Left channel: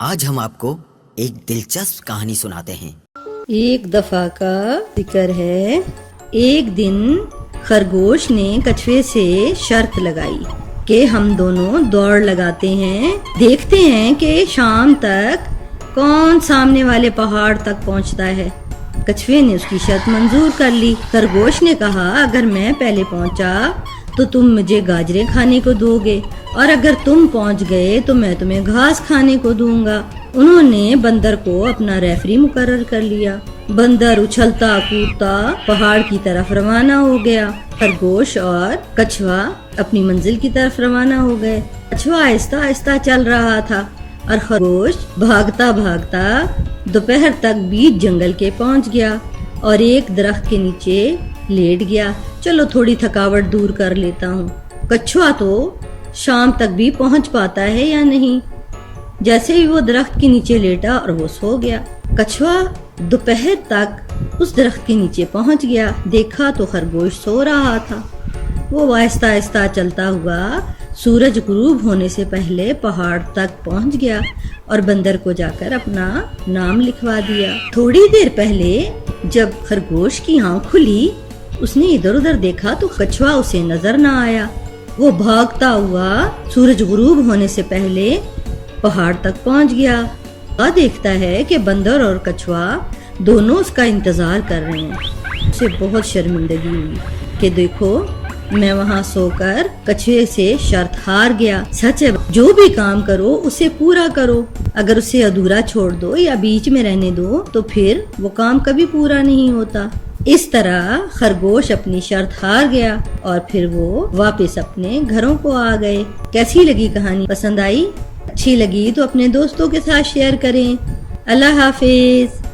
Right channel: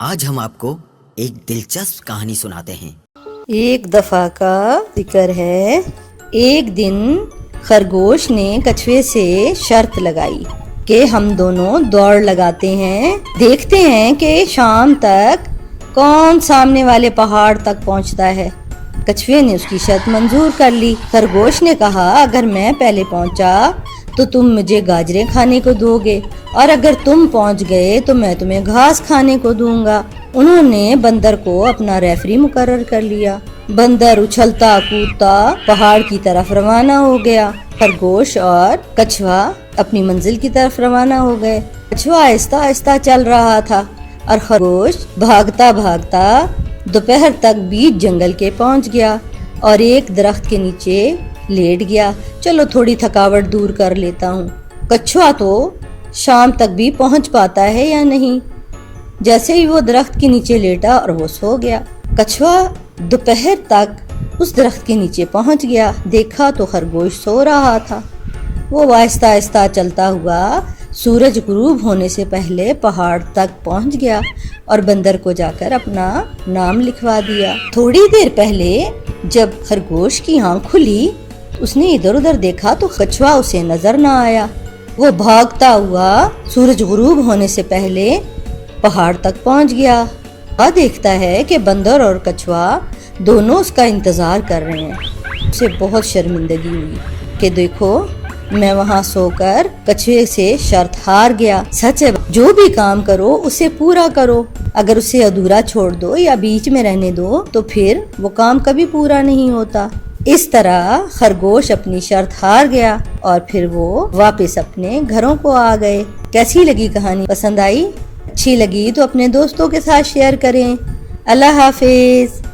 آج ہم آپ کو ایک دلچسپ کہانی سناتے ہیں۔ ایک دفعہ کا ذکر ہے، ایک دن خرگوش نے کچھوے سے شرط لگائی کہ ہم دونوں دوڑ لگاتے ہیں، دیکھتے ہیں کہ شام تک کون سامنے والے پہاڑ تک پہنچتا ہے۔ کچھوے نے اس کی شرط منظور کر لی۔ خرگوش نے کہا، اگر میں پہلے پہنچا تو تم مجھے گاجریں کھانے کو دو گے، اور اگر تم پہنچ گئے تو میں تمہیں گھاس کھانے کو دوں گا۔ انہوں نے بندر کو اپنا ریفری مقرر کر لیا۔ بندر اچھلتا کودتا پہاڑ کی طرف روانہ ہو گیا۔ خرگوش اور کچھوا اپنی منزل کی طرف روانہ ہو گئے۔ کچھوا آہستہ آہستہ چل رہا تھا اور خرگوش بھاگتا بھاگتا دوپہر تک بیچ جنگل کے پہنچ گیا اور ایک درخت کے نیچے لیٹ گیا۔ چلو تھوڑی تھکاوٹ دور کر لیتا ہوں۔ کچھوا تو شام تک بھی پہنچ پاتا ہے یا نہیں؟ جیسے ہی وہ درخت کے نیچے لیٹا اور وہ سو گیا۔ کچھوا دوپہر تک اس درخت کے نیچے پہنچ گیا، دیکھا تو خرگوش سو رہا تھا۔ وہ آہستہ آہستہ چلتا ہوا سورج غروب ہونے سے پہلے پہاڑ تک پہنچ گیا اور بندر کو جا کر اپنا نام لکھوا دیا۔ تھوڑی دیر پہلے جب خرگوش کی آنکھ کھلی، اس نے ادھر ادھر دیکھا تو کچھوا اسے نظر نہ آیا۔ وہ بھاگتا ہوا سورج غروب ہونے سے پہلے پہاڑ تک پہنچ گیا۔ دیکھتا ہے کہ بندر اور کچھوا دونوں اس کا انتظار کر رہے ہیں۔ اسے بہت شرمندگی ہوئی کہ دیکھو، میں وہاں سو کر کچھوے سے شرط ہار گیا۔ سچ ہے، جو بھی کام کرو اسے پورا کرو، اگر اسے ادھورا چھوڑ دو یا بیچ میں رہنے دو تو پھر وہ کام کبھی پورا نہیں ہوتا۔ اس طرح خرگوش اپنی شرط ہار گیا اور پھر وہ واپس اپنے گھروں کو آ گئے۔ کیسی لگی کہانی؟ پسند آئی؟ اچھی لگی تو اپنے دوستوں کے ساتھ شیئر کریں۔ اللہ حافظ۔